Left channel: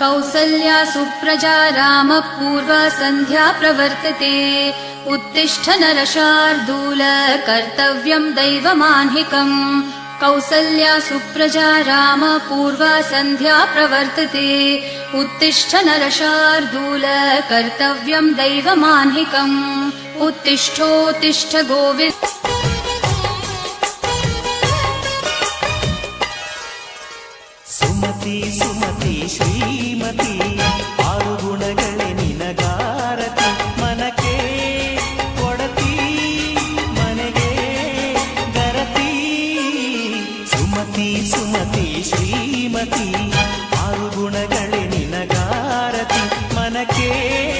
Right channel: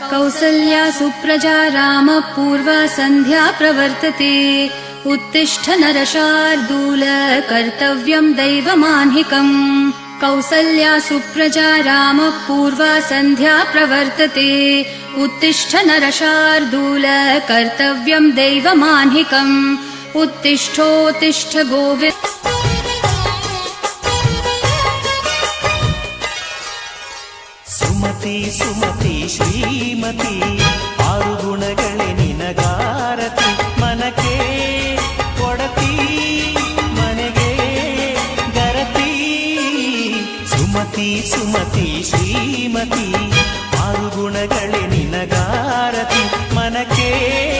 कौसल्या सुप्रजा रामपूर्वा सन्ध्या प्रवर्तते। उत्तिष्ठ नरशार्दूल कर्तव्यम् दैवमान्हिकम्। कौसल्या सुप्रजा रामपूर्वा सन्ध्या प्रवर्तते। उत्तिष्ठ नरशार्दूल कर्तव्यम् दैवमान्हिकम्। उत्तिष्ठोत्तिष्ठ गोविन्द ಸುಮತಿ ಸುಮತಿ, ಶ್ರೀಮತಿ, ಆರು ಗುಣಗಳೇ ನಿನಗಾರತಿ. ಮನಕೆ ಕೊಡತಿ, ಮನೆಗೆ ಗರತಿ. ಸುಮತಿ ಸುಮತಿ, ಶ್ರೀಮತಿ, ಆರು ಗುಣಗಳೇ ನಿನಗಾರತಿ. ಮನಕೆ ಒಡತಿ ಮನೆಗೆ